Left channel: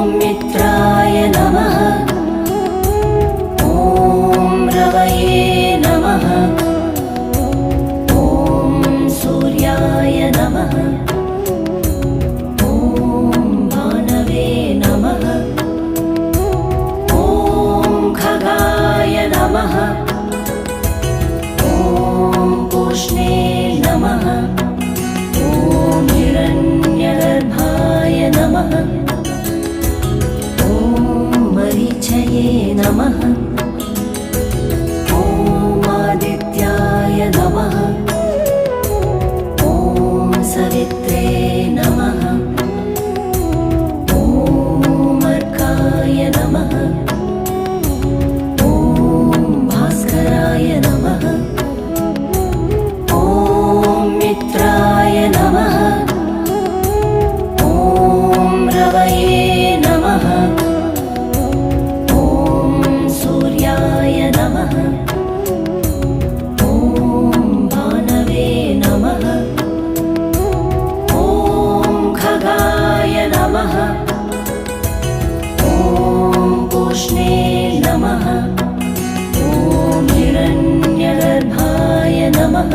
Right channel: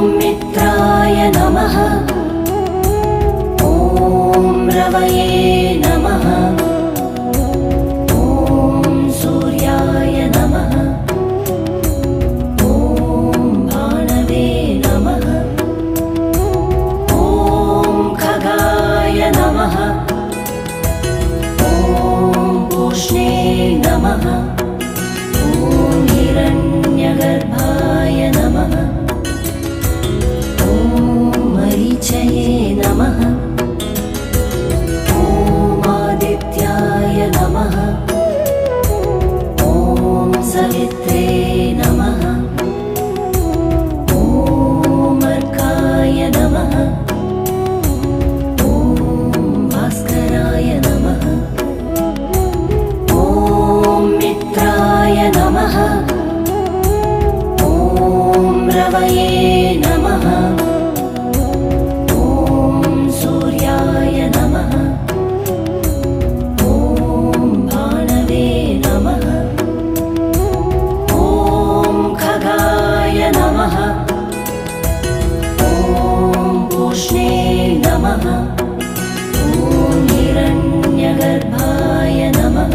मित्राय नमः। ॐ रवये नमः। ॐ सूर्याय नमः। ॐ भानवे नमः। ॐ खगाय नमः। ॐ पूष्णे नमः। ॐ हिरण्यगर्भाय नमः। मरीचये नमः। ॐ आदित्याय नमः। ॐ सवित्रे नमः। ॐ अर्काय नमः। ॐ भास्कराय नमः। ॐ मित्राय नमः। ॐ रवये नमः। नमः। ॐ भानवे नमः। ॐ खगाय नमः। ॐ पूष्णे नमः। ॐ हिरण्यगर्भाय नमः।